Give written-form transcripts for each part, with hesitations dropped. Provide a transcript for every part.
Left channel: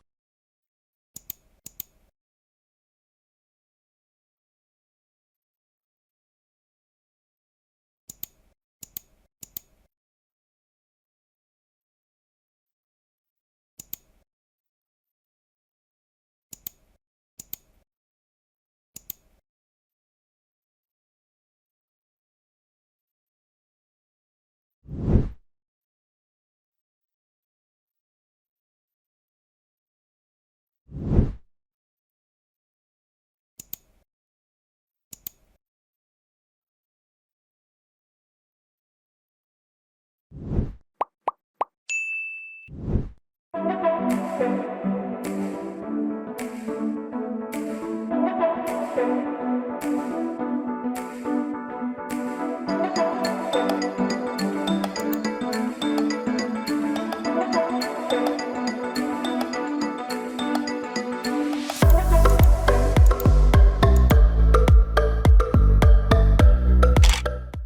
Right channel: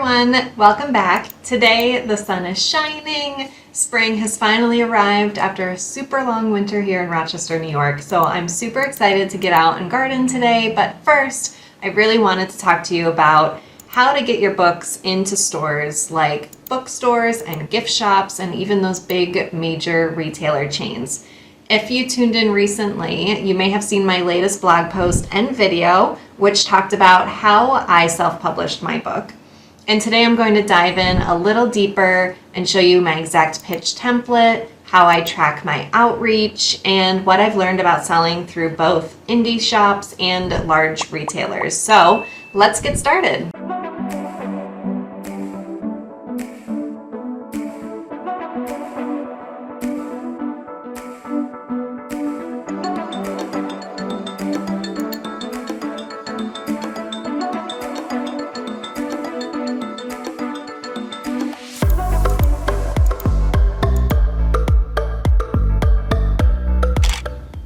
everyone, welcome back. Today the sun is shining, spring has finally arrived after a super long winter here in Rochester, New York, so I'm super excited to get out and garden today, but first I really wanted to talk to you about how to get your books into stores like bookstores and gift shops and even those big major retailer chains. If you tuned in recently, you may have seen my latest blog post and video, which talked about how I self-published my book. And today I'm going to dive in a little deeper and show you my exact pitch template, how I track my outreach, and what I've learned about selling through both indie shops and large retailers. So let's get started.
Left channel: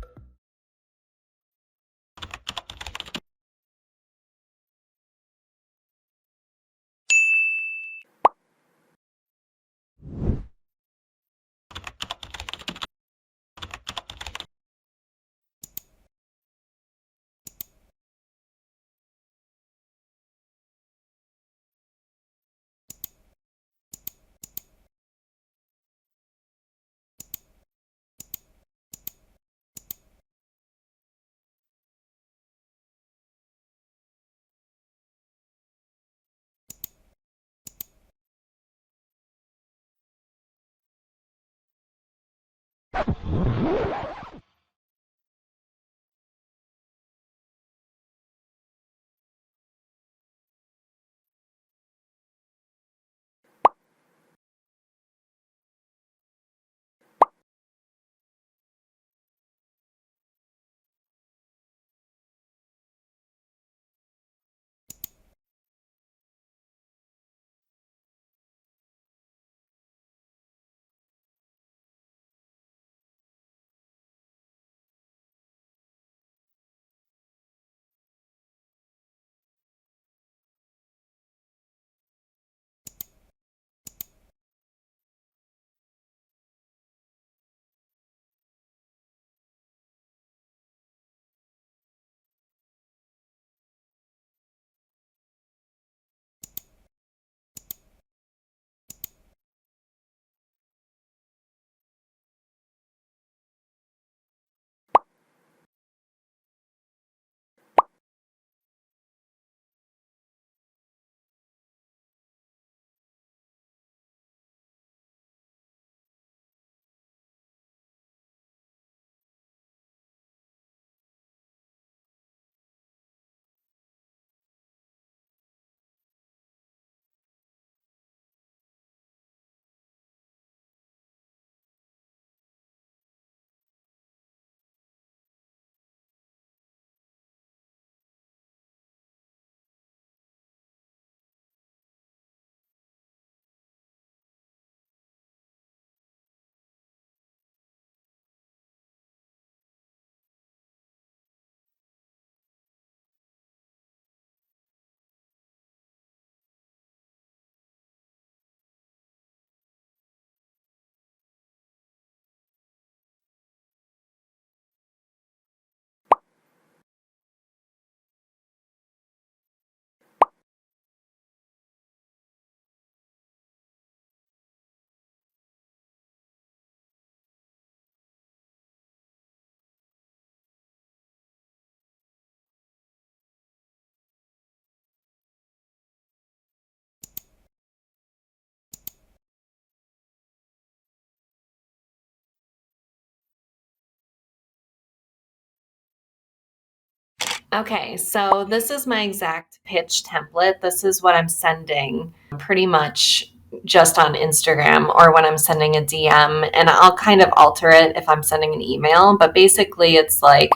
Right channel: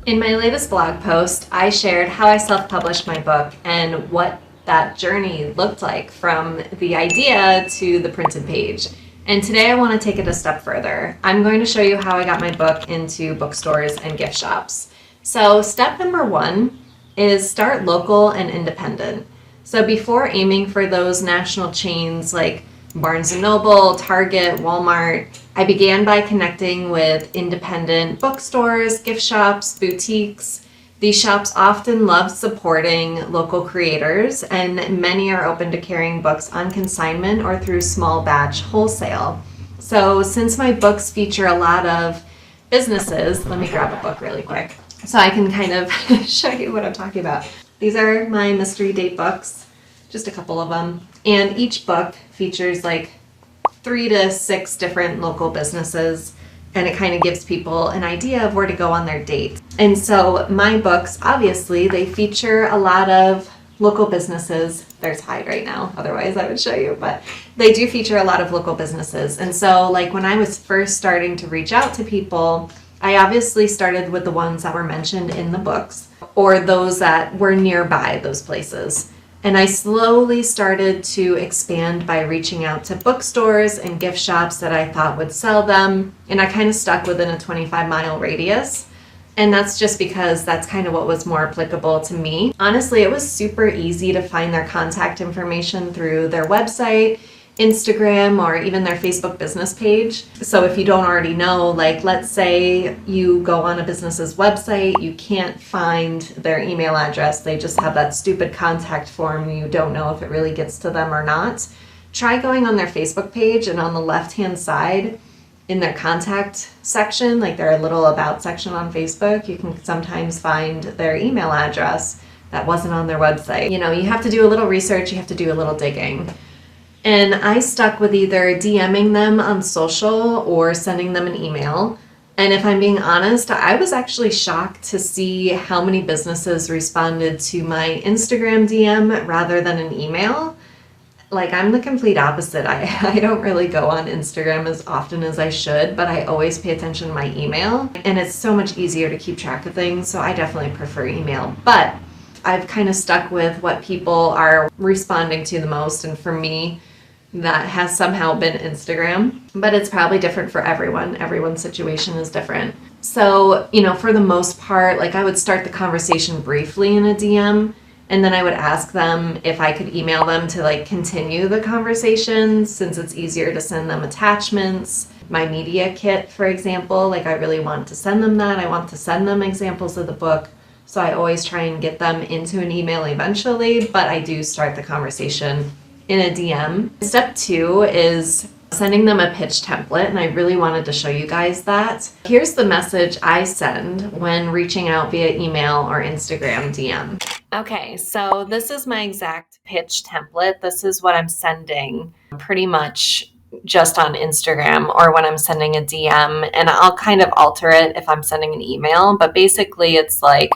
In my latest blog post, I shared how I self-published my book and what that journey looked like from the idea to the printed page. And today I want to take it a step further. I'm going to show you how I got my book into bookstores and gift shops. So step number one is start local and independent. So before aiming for those national chains like Barnes & Noble, Target, Walmart, I began by connecting with independent bookstores, gift shops, boutiques. These shops often love supporting local creators, and many are open to carrying books on consignment or through small batch wholesale. So since my books feature a lot of businesses, let me grab a book really quick so I can kind of show you what I'm talking about. These are my mystery date books, just a couple of them. And each book features like 3 to 6 different local businesses, and it kind of gives people an idea of where to go on their date. And so my books, obviously, they feature a lot of local businesses. There's Hyde right now, otherwise I would show you, but they do feature a lot of local businesses. And so like when I was first starting to reach out to people, I obviously started with the ones that were mentioned in the books or those that were nearby those places. And I slowly started to expand by reaching out to bookstores and gift shops that I thought would sell them. And I kind of stuck within a 25-mile radius. And that's just because that's kind of what was more applicable to me. Honestly, it was super easy to find their contact information through their website, Instagram, or even their Facebook business page. So if you don't already know, like let's say you go on a business's website, you can't find their email address, they just have that stupid contact form, you don't know if it really gets to them or not. Try going on their Facebook page, and on the left-hand side in their contact section, like their little about section on Facebook, you can sometimes find their email address that wasn't on their website. You know, you have to do a little research, you have to do a little digging. And I stuck with either DMing them on social or sending them an email. And if I'm being honest, I was actually shocked to see how many businesses responded to my Instagram DM rather than an email. Like I'm the complete opposite. I don't really go on Instagram as often as I should, but I always pay attention to my email. And it's so much easier to keep track of things, so I definitely prefer email. But I've kind of stuck with what people are responding to the most, and for me, that has somehow been Instagram, but it's probably different for everyone. Everyone's situation is different. So, you know, for the most part, like I would start the conversation briefly in a DM, and then I would ask them if I could email them to like continue the conversation, since it's easier to send them attachments. My media kit, for example, like I really want to send them that. I want to send them examples of the book. So I always try and get them into an email eventually, but I do start the conversation in a DM. Step 2 is sending them a pitch template, and I really wanted to show you guys that. Here's the message I send when reaching out via email or Instagram DM. Okay, so this is my exact pitch template. This is what I'm sending pretty much just on Instagram or when I'm sending a DM, and I'll kind of alter it if I'm sending an email, but basically it's like,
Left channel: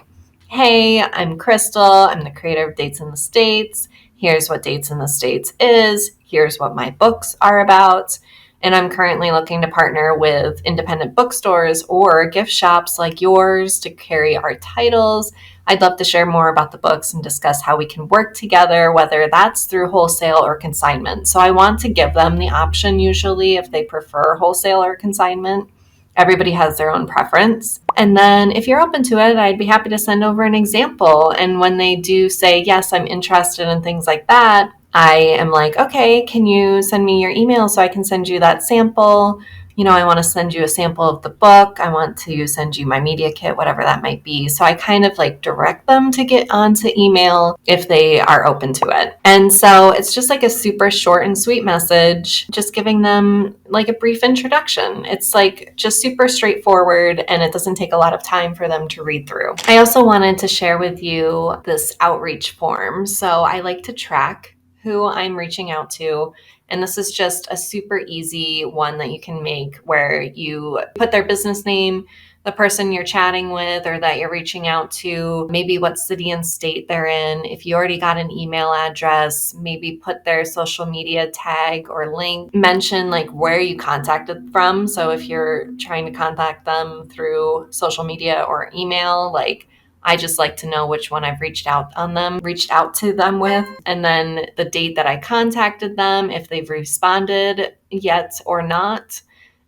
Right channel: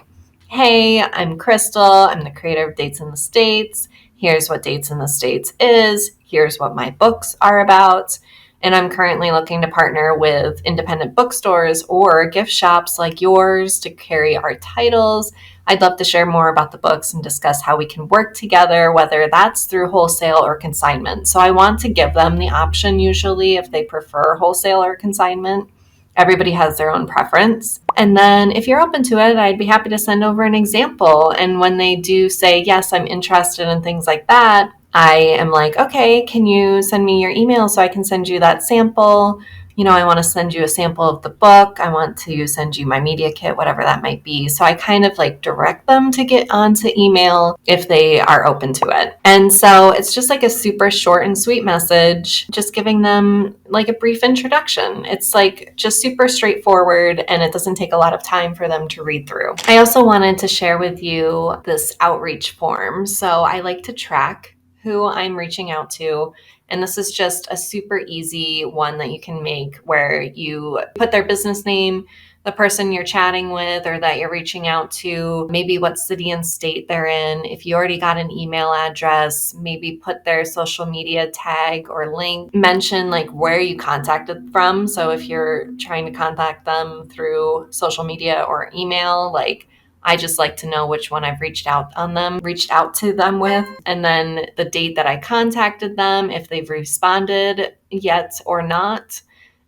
hey, I'm Crystal, I'm the creator of Dates in the States. Here's what Dates in the States is. Here's what my books are about. And I'm currently looking to partner with independent bookstores or gift shops like yours to carry our titles. I'd love to share more about the books and discuss how we can work together, whether that's through wholesale or consignment. So I want to give them the option usually if they prefer wholesale or consignment. Everybody has their own preference. And then if you're open to it, I'd be happy to send over an example. And when they do say, yes, I'm interested in things like that, I am like, okay, can you send me your email so I can send you that sample? I want to send you a sample of the book. I want to send you my media kit, whatever that might be. So I kind of like direct them to get onto email if they are open to it. And so it's just like a super short and sweet message, just giving them like a brief introduction. It's like just super straightforward and it doesn't take a lot of time for them to read through. I also wanted to share with you this outreach form. So I like to track who I'm reaching out to. And this is just a super easy one that you can make where you put their business name, the person you're chatting with or that you're reaching out to, maybe what city and state they're in. If you already got an email address, maybe put their social media tag or link, mention like where you contacted from. So if you're trying to contact them through social media or email, like I just like to know which one I've reached out to them with, and then the date that I contacted them, if they've responded yet or not,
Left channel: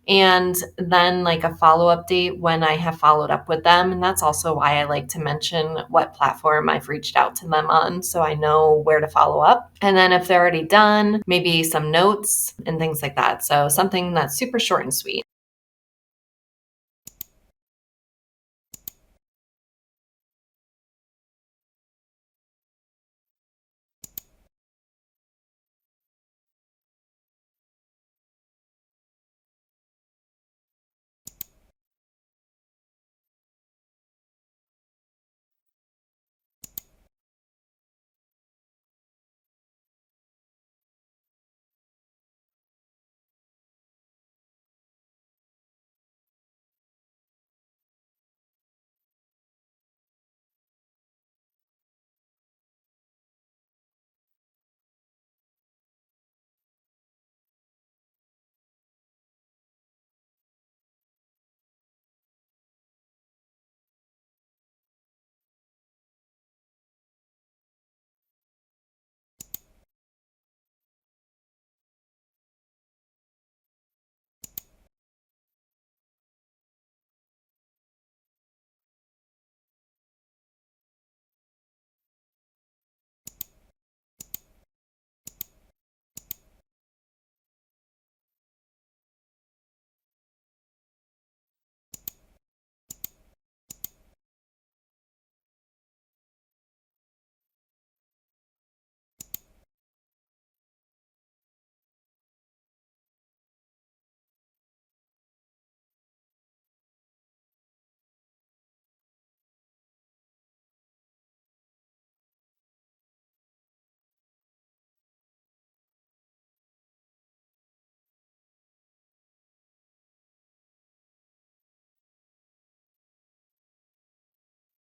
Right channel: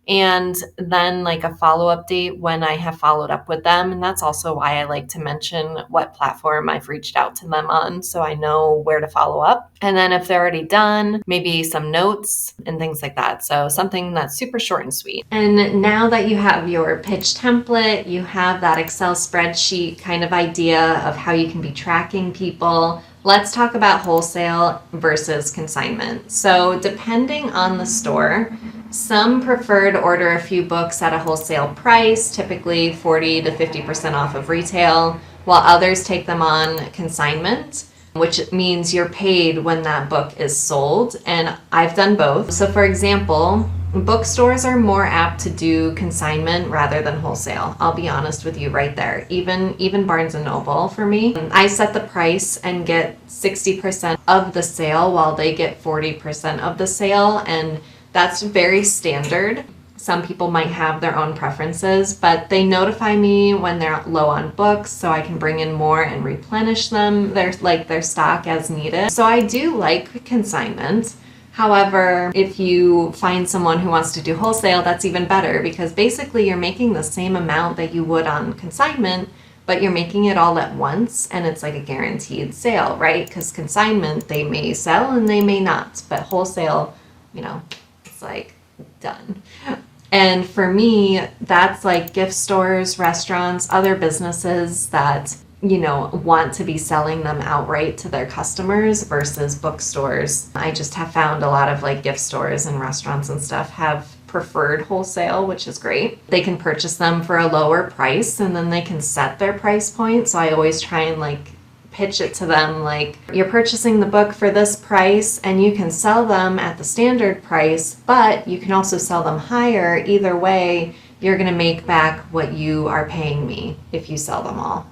and then like a follow-up date when I have followed up with them. And that's also why I like to mention what platform I've reached out to them on so I know where to follow up. And then if they're already done, maybe some notes and things like that. So something that's super short and sweet. And now that you have your pitch template, you have that Excel spreadsheet kind of idea of how you can be tracking people, let's talk about wholesale versus consignment. So depending on the store, some prefer to order a few books at a wholesale price, typically 40 to 50% off of retail, while others take them on consignment, which means you're paid when that book is sold. And I've done both. So for example, bookstores are more apt to do consignment rather than wholesale. I'll be honest with you right there. Even Barnes & Noble for me, I set the price and get 60% of the sale while they get 40% of the sale. And that's very standard. Some people might have their own preferences, but they notify me when they're low on books so I can bring in more and replenish their stock as needed. So I do like consignment. However, if you find someone who wants to do wholesale, that's even better because basically you're making the same amount that you would on consignment, but you're making it all at once and it's like a guaranteed sale, right? Because consignment, they may sell and they may not, but wholesale, it's like done. And for me, that's like gift stores, restaurants, other businesses that want to be selling them outright to their customers versus bookstores. I just have found a lot of like gift stores and restaurants and stuff have preferred wholesale, which is great. They can purchase them for a lower price and then they can set their price point. So I always try and like pitch it to them like, you're purchasing the book for this price and you can sell them at the standard price, but you can also sell them higher. Either way, you're going to make back what you are paying me if you sell them all.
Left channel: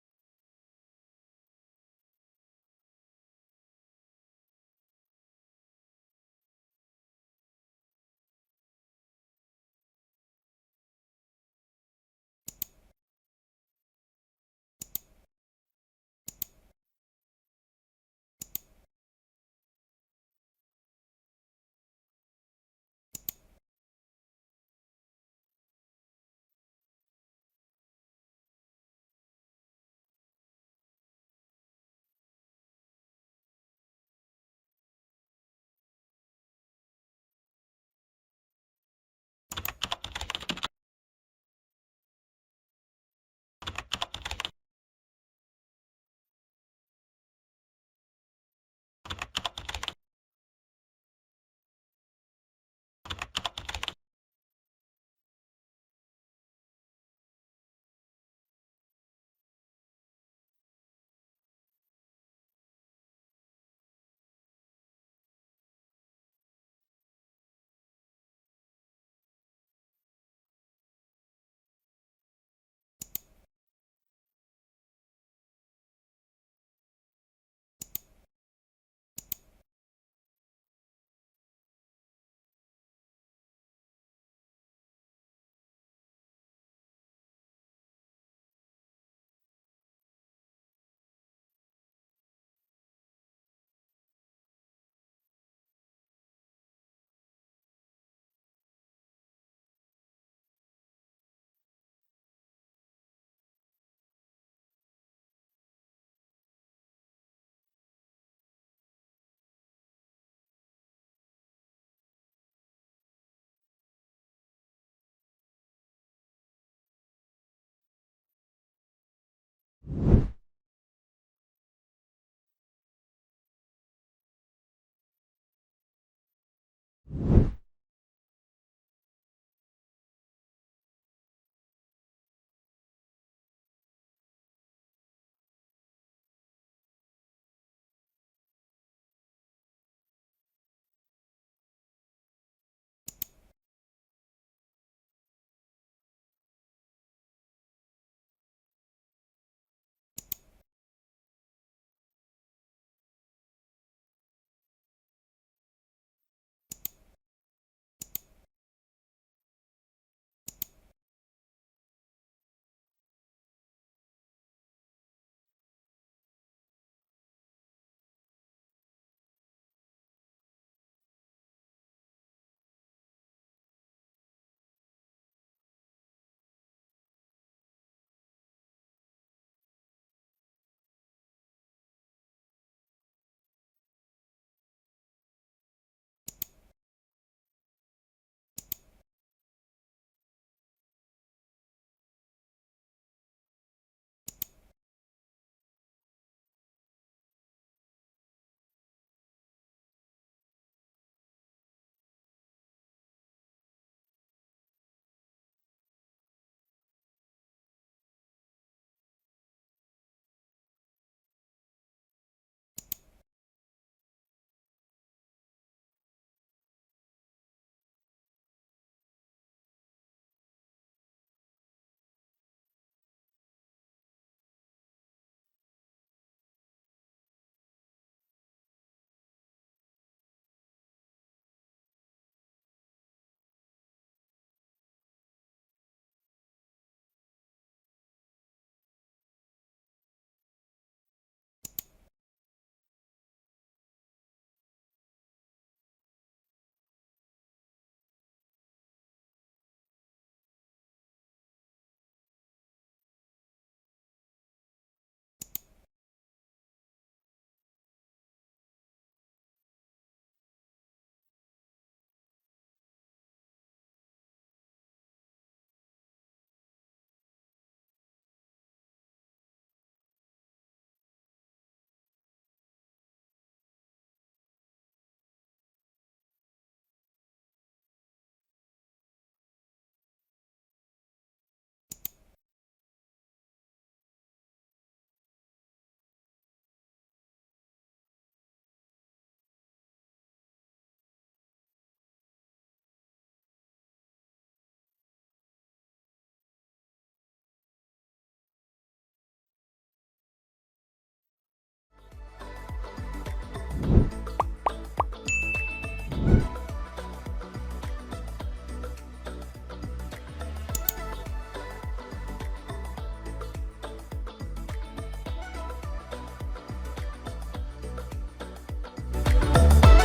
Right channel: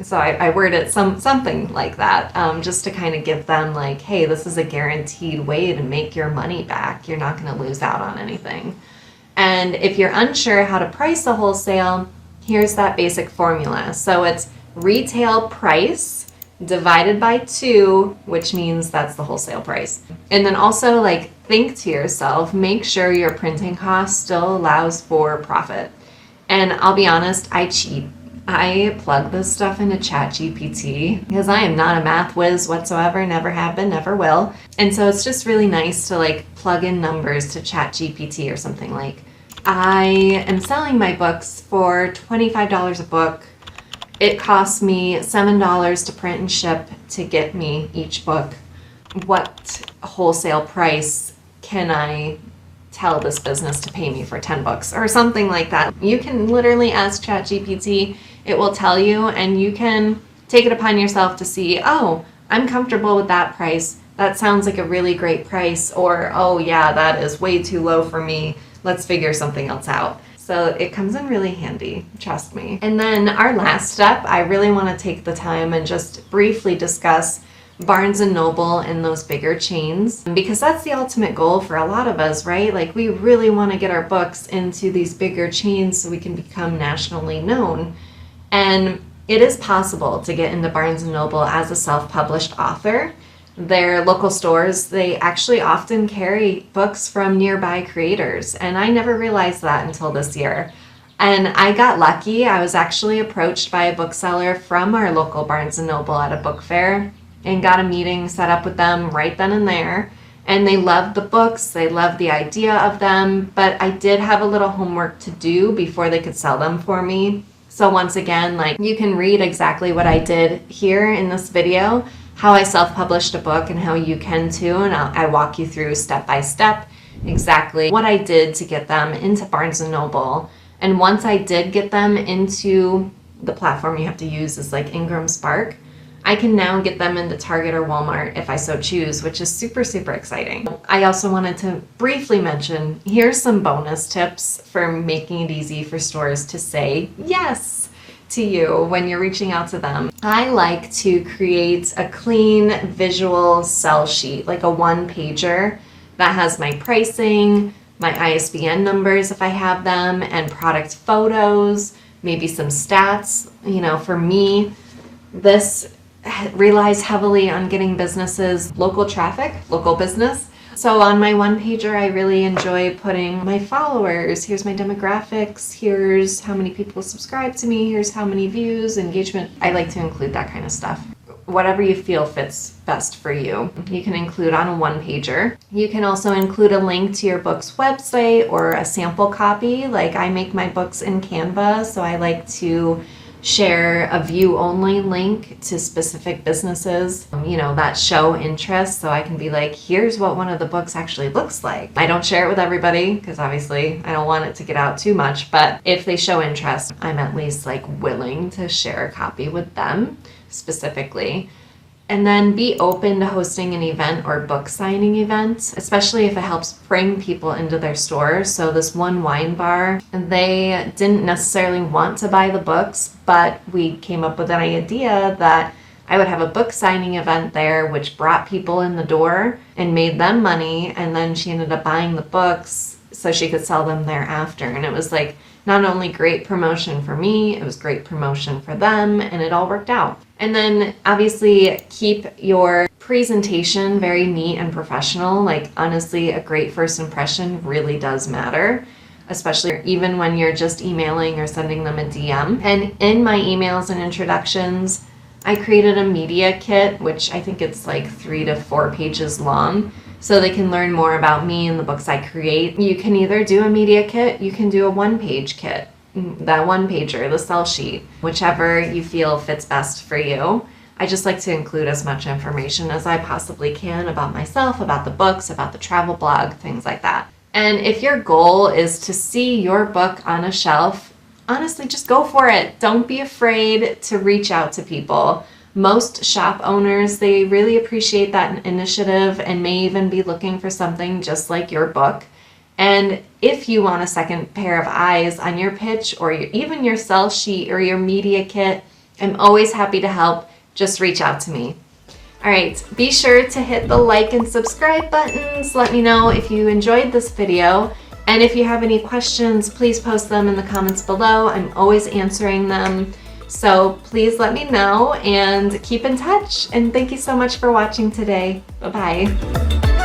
So I word it something like that, just to kind of give them like, hey, this is a guaranteed way to make your money back. You're not going to lose out on anything. And if you're unsure how to price a wholesale, here's that basic formula. So it's retail price divided by 2, which means that's the wholesale price. And then also like think to yourself, make sure your printing cost still allows for profit. And I'll be honest, I cheat. I plug this stuff into ChatGPT because I am not a math whiz whatsoever, never have been, never will. And so it's just really nice to like plug in numbers to ChatGPT or something like, I am selling my books for $25 a book. It costs me $7 to print and ship to get me each book. What wholesale price can I tell this business to pay me for 10 books or something like that? You can literally ask ChatGPT. It will tell you, and you can take it upon yourself to see, oh, I'm comfortable with that price. That sounds like a really great price. Or, oh yeah, that is way too low for me. Let's figure something else out. So it comes in really handy, trust me. And then our last step, I really want to take the time and just briefly discuss Barnes & Noble and those bigger chains, because that's the ultimate goal for a lot of us, right? Like we really want to get our books into these bigger chains so we can become nationally known. And It is possible to get into Barnes & Noble as a self-published author. Their local stores, they actually often carry books from nearby creators, and I never realized that until this year. And I got lucky. I was actually approached by a bookseller from our local Barnes & Noble at a book fair and got a meeting set up with them right then and there. And they loved the books, they loved the idea of them, but I did have a little homework to do before they could sell them for me. So once again, like, you can read exactly what I did here in this video, how I self-published a book and how you can too, and I walk you through step by step exactly what I did to get them into Barnes & Noble. And once I did get them into the platform you have to use is like Ingram Spark, I can now get them into Target or Walmart if I so choose, which is super, super exciting. I also wanted to briefly mention, here's some bonus tips for making it easy for stores to say yes to you when you're reaching out to them. I like to create a clean visual sell sheet, like a one-pager that has my pricing, my ISBN numbers if I have them, and product photos, maybe some stats. You know, for me, this relies heavily on getting businesses local traffic, local business. So on my one pager, I really enjoy putting my followers. Here's my demographics. Here's how many people subscribe to me. Here's how many views, engagement. I like to include that kind of stuff. Whatever you feel fits best for you, you can include on a one pager. You can also include a link to your book's website or a sample copy. Like, I make my books in Canva, so I like to share a view-only link to specific businesses, that show interest, so I can be like, here's what one of the books actually looks like. I don't share it with everybody because obviously I don't want it to get out too much, but if they show interest, I'm at least like willing to share a copy with them specifically. And then be open to hosting an event or book signing event, especially if it helps bring people into their stores. So this one wine bar, they didn't necessarily want to buy the books, but we came up with an idea that I would have a book signing event there, which brought people in the door and made them money. And then she ended up buying the books so she could sell them thereafter. And it was like not only great promotion for me, it was great promotion for them, and it all worked out. And then obviously keep your presentation very neat and professional. Like, honestly, a great first impression really does matter, especially even when you're just emailing or sending them a DM. And in my emails and introductions, I created a media kit, which I think it's like 3 to 4 pages long, so they can learn more about me and the books I create. You can either do a media kit, you can do a one-page kit, that one-pager, the sell sheet, whichever you feel fits best for you. I just like to include as much information as I possibly can about myself, about the books, about the travel blog, things like that. And if your goal is to see your book on a shelf, honestly, just go for it. Don't be afraid to reach out to people. Most shop owners, they really appreciate that initiative and may even be looking for something just like your book. And if you want a second pair of eyes on your pitch or even your sell sheet or your media kit, I'm always happy to help. Just reach out to me. All right, be sure to hit the like and subscribe buttons. Let me know if you enjoyed this video. And if you have any questions, please post them in the comments below. I'm always answering them. So please let me know and keep in touch. And thank you so much for watching today. Bye-bye.